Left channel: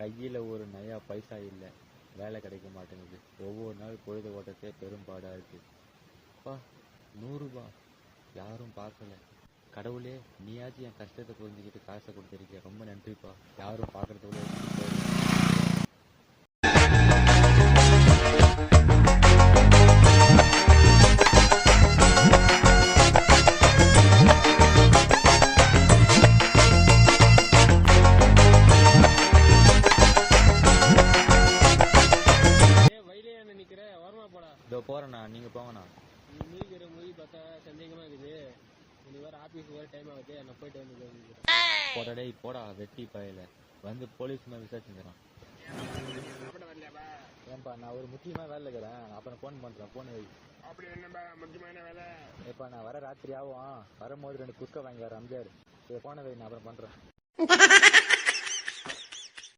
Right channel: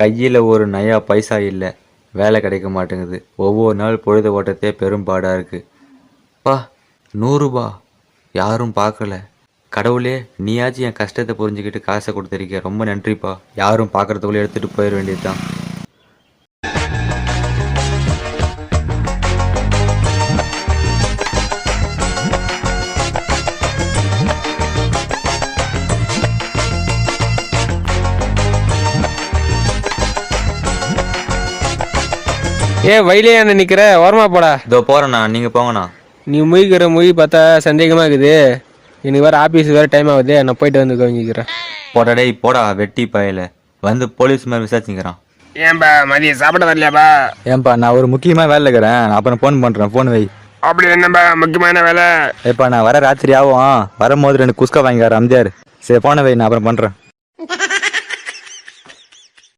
கையில் ஒரு நயா பைசா இல்லை, வேலை கிடைக்க மாட்டேங்குது. ஒவ்வொரு நாள் பொழுது ஓட்டத்தே பெரும்பாடாக இருக்குது. பா, 100 ரூபா யாரும் பார்க்கல. கடவுளே, நீயாச்சும் என் கஷ்டத்தை புரிஞ்சுக்கிட்டு காசை கொடுத்துருக்க, ரொம்ப நன்றிப்பா. யாரும் பார்க்குறதுக்குள்ளே எடுத்துகிட்டு போயிட வேண்டியதுதான். வயலே என்ன நிக்கிற, ஓரமா போடா. இதோ போறேண்ணா, நீங்க போங்கண்ணா. நீ முழிக்கிற மொழி பார்த்தா சந்தேகமா இருக்குது. எனக்கு வேற ஆபீஸ் வேற டைம் ஆகுது, நான் போயிட்டு வந்து கவனிக்கிறேன். போடா டேய் போடா, வெட்டி பயல வந்து போலீஸ் மேலே விசாரிச்சுக்கிறேன். ஏன்பா மதியம் சாப்பிட வரலையாப்பா? ஏன்பா, நான் ஒரு முக்கியமாக வேலை இருக்கிறேன், நான் அப்புறம் ஃபோன் பண்ணுறேன். ஃபோன் வை. அப்படி என்னப்பா முக்கியமான வேலை? ஏப்பா, நான் வர ராத்திரி ஆகும், வரும்போது 2 குஸ்கா வாங்கிக்கார அம்ஜார். சரி, ஃபோனை வை, நான் அப்புறம் பண்ணுறேன்.